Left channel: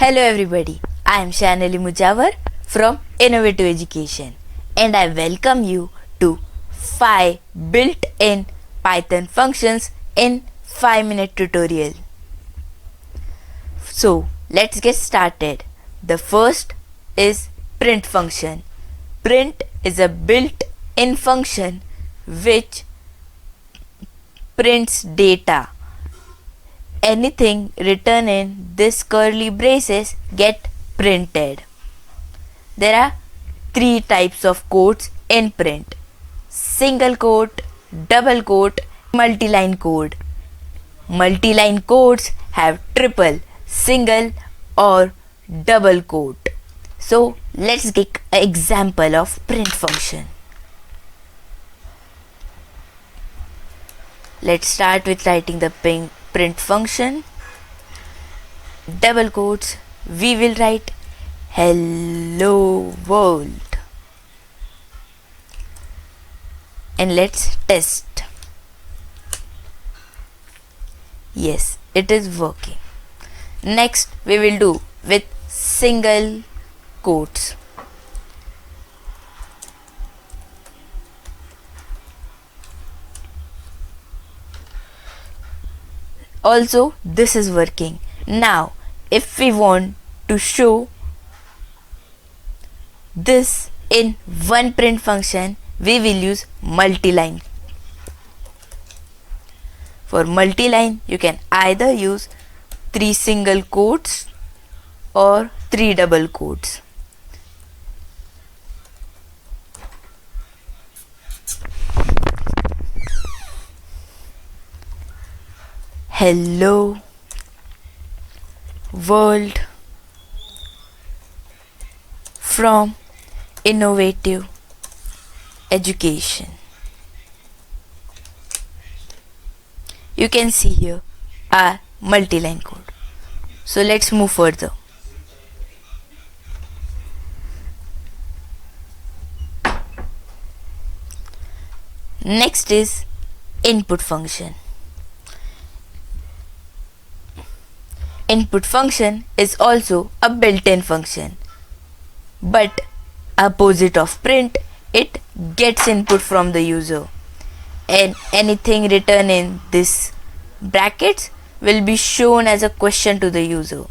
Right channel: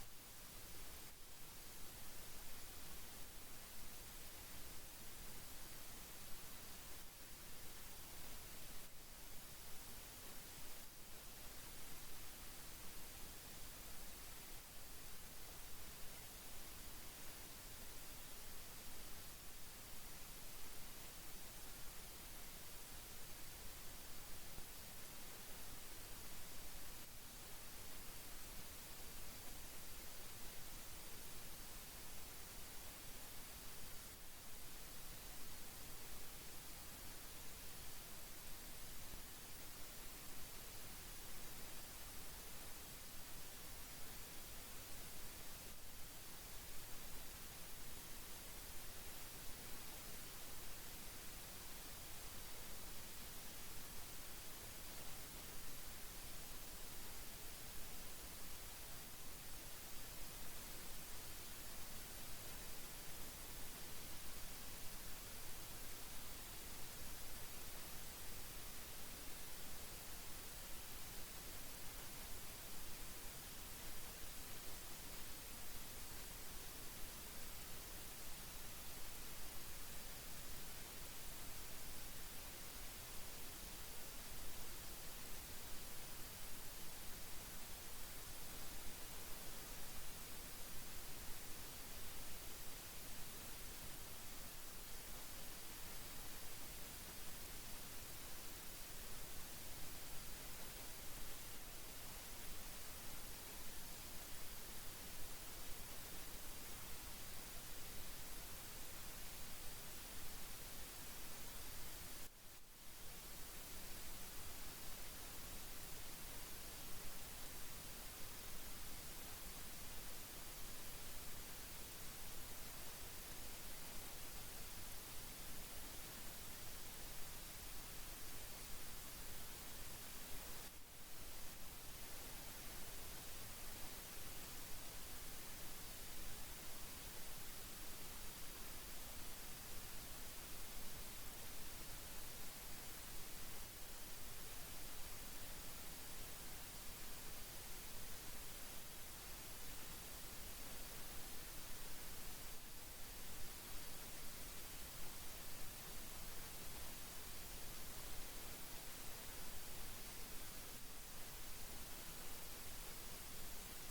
Hello everybody, I am Shayan from Innovative Education and I welcome you to 5 built-in Python functions in 5-minute tutorial. So let's get started. The first is print function. Print is a built-in function which prints data. Anything written in this curly braces get printed. There are 3 types of codes in print: single quote, double quote, multi-line code. Multi-line codes have triple, single or double quote. So let's get an example of print function. Let's start with writing the print function. Double quotes, we will write hello world. And let's test. Yes, it is working. Next, we will do with single quotes. Also, this is working. Now, if we want to show this in one print function, we will use multi-line. For multi-line, you can either use 3 single quotes or 3 double quotes. Hello world from Innovative Education. You can see here our multi-line code. So let's move further. Next is input function. Input function is also a built-in function, but opposite of print, it gets input from the user, and anything written in this brackets will be shown as a question to the user.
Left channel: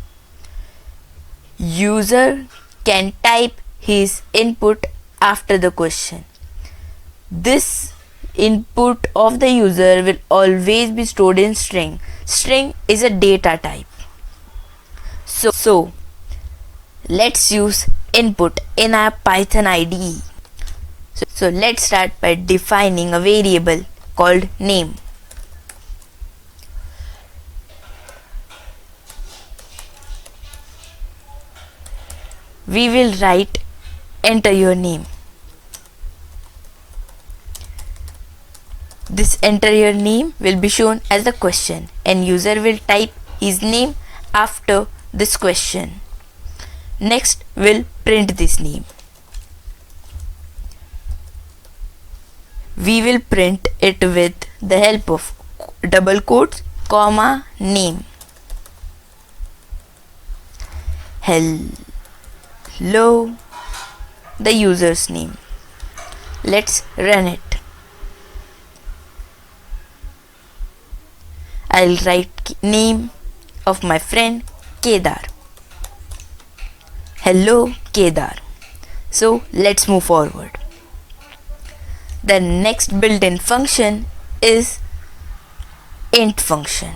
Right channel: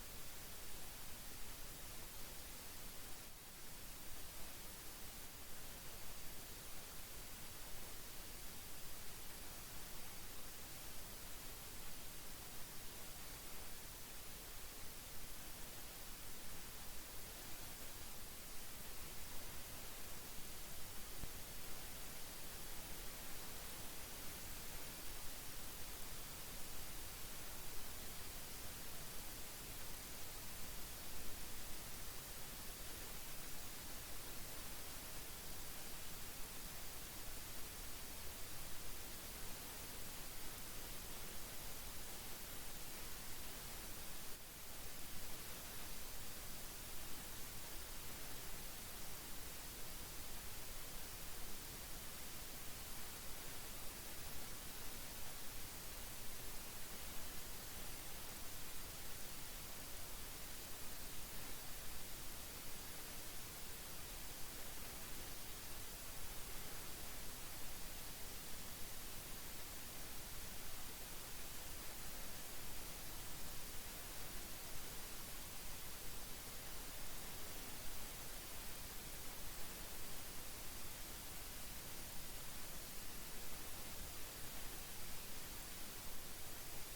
User can type his input after the question. This input of the user will always be stored in string. String is a data type. So let's use input in our Python IDE. So let's start by defining a variable called name. We will write enter your name. This enter your name will be shown as the question and user will type his name after this question. Next, we'll print this name. We will print it with the help of double quotes, comma, name. Hello, the user's name. Let's run it. I'll write name of my friend Kedar. Hello Kedar. So let's move forward. The next built-in function is int function.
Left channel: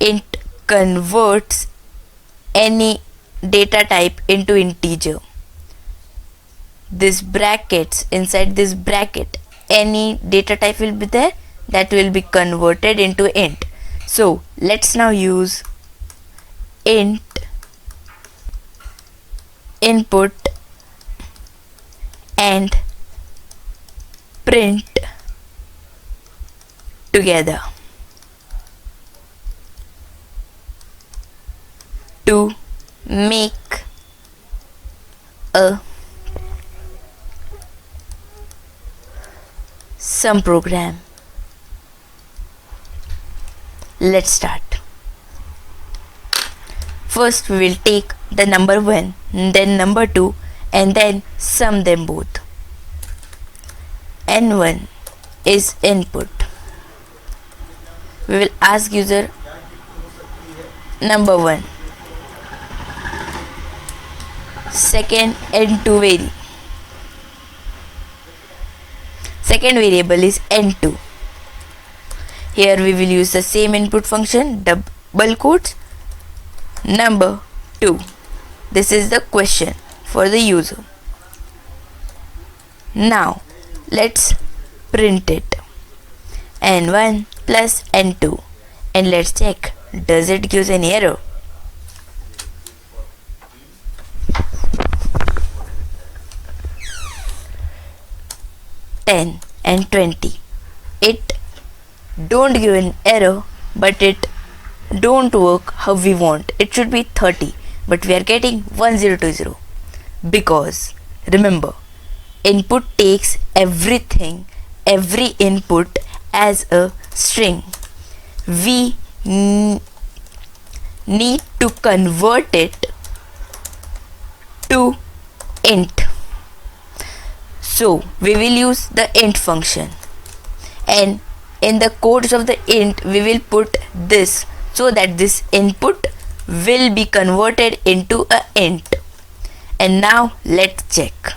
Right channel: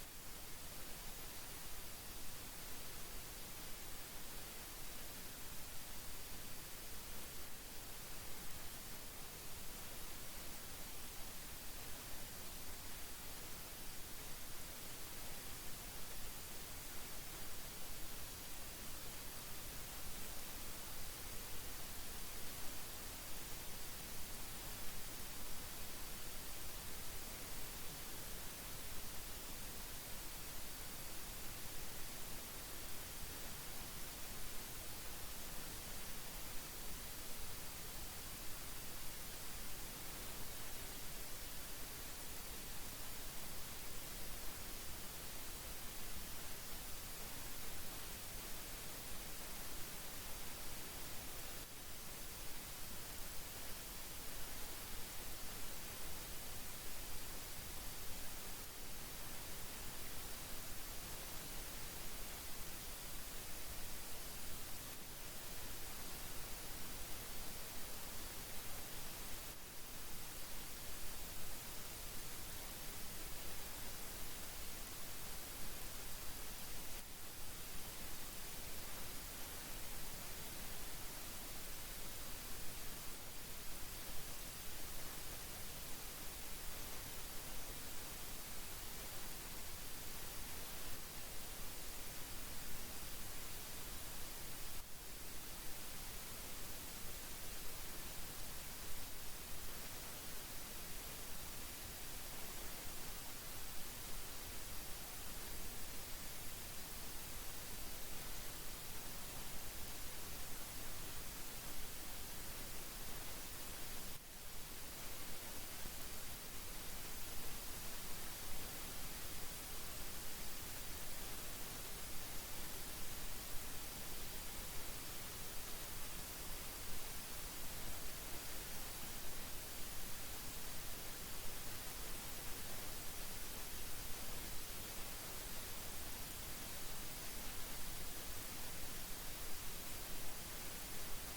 Int converts any data type into integer. This brackets, inside this bracket, any data type will be there that will be converted into int. So let's now use int input and print together to make some program. Let's start. First we will take the number 1, then number 2, and then sum them both. N1 is input. We will ask user number 1. Second, N2 second variable is N2. Here we will use the same input function, double quotes, number 2. This is the question for the user. Now let's print it. N1 plus N2, and let's check, does it give any error? $10 and $20. It don't give an error, but it don't work how we want. It should be 30, but we are getting 1020 because remember, input takes every input as a string. We need to convert it to int. So we will use the int function, and in the codes of the int we will put this so that this input will be converted into a int. And now let's check.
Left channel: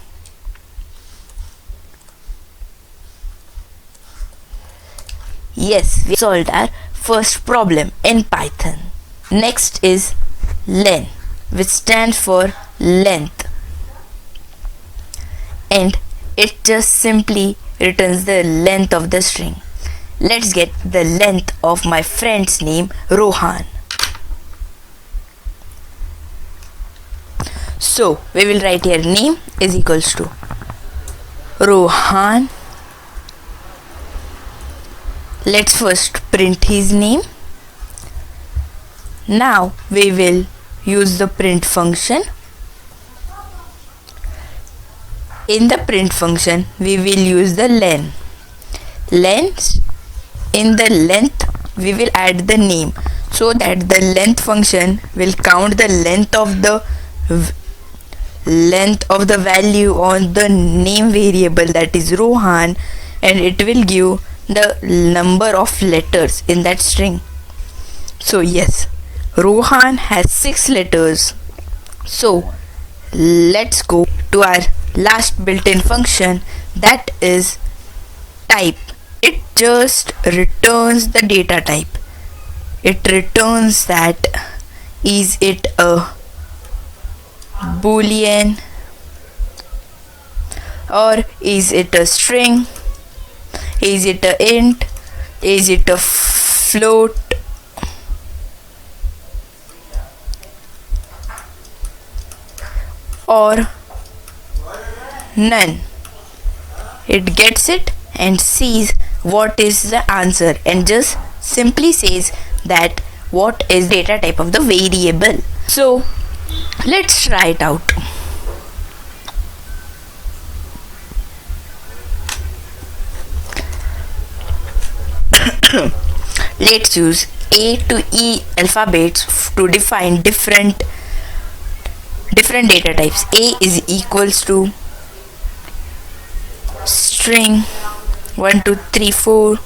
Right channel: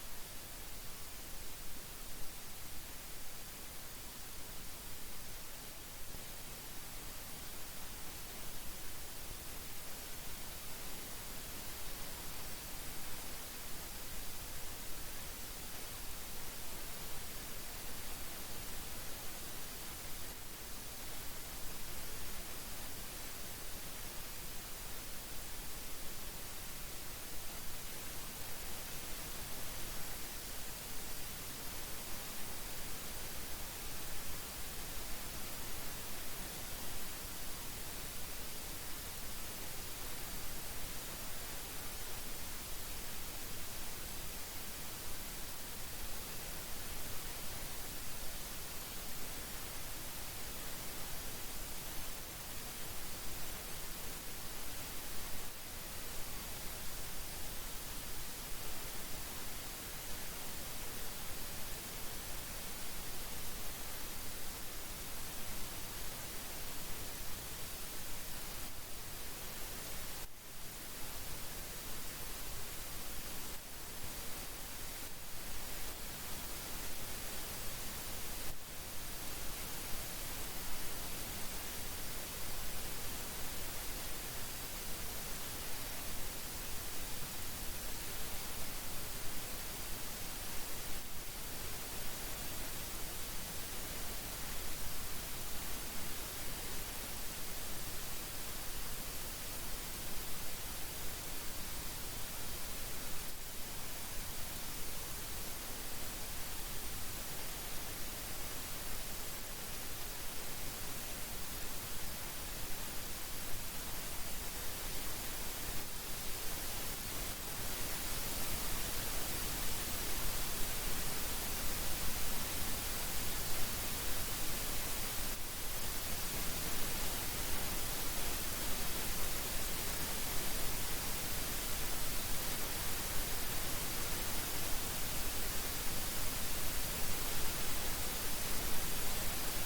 Yes, we solved our first problem in Python. Next is len, which stands for length, and it just simply returns the length of the string. Let's get the length of my friend's name, Rohan. So we will write here name is equals to Rohan. Let's first print his name. Now we will use the print function. In the print function we will use the len. In the length we will add the name, so that the length function will count the length of the value on the name variable, that is Rohan, and it will give the number of letters in that string. So yes, Rohan has 6 letters. So let's go to our last built-in function, that is type. It just returns the data type. It returns that is it a boolean or is it a string, is it a int, is it a float, or none. It gets it and sees what is the answer and just simply says that what is data type of the variable. So let's try it out. Let's use A to E alphabets to define different data types. A is equals to string 1 2 3 4.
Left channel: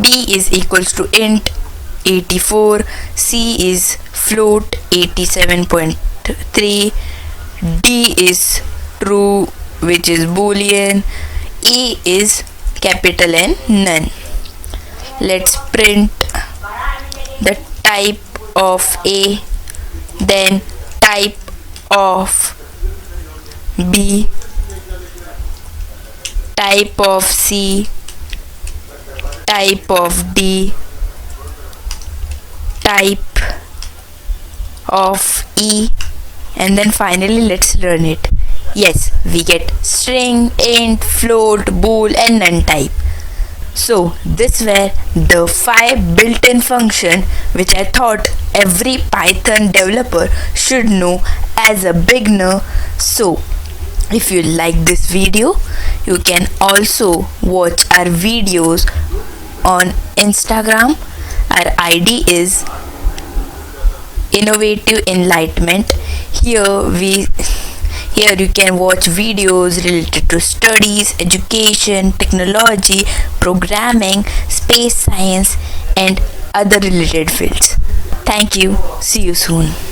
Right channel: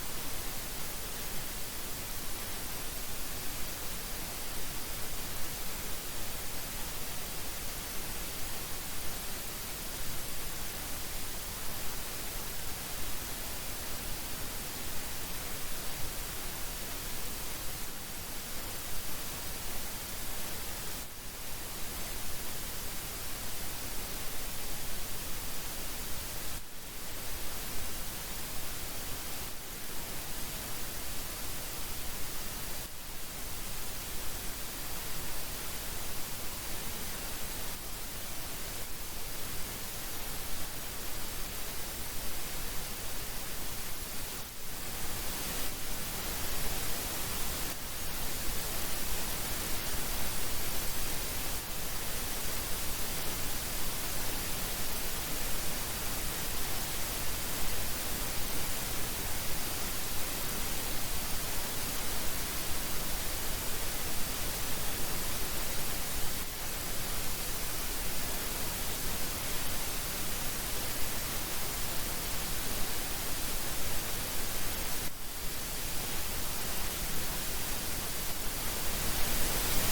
B is equals to int 84. C is float 87.3. D is true, which is boolean. E is capital N, none. Let's print the type of A, then type of B, type of C, type of D, type of E, and then finally let's run it. Yes, we get string, int, float, bool and none type. So this were the 5 built-in function which I thought every Python developer should know as a beginner. So if you like this video, you can also watch our videos on Instagram. Our ID is innovative enlightenment. Here we here you can watch videos related to studies, education, technology, programming, space science and other related fields. Thank you. See you soon.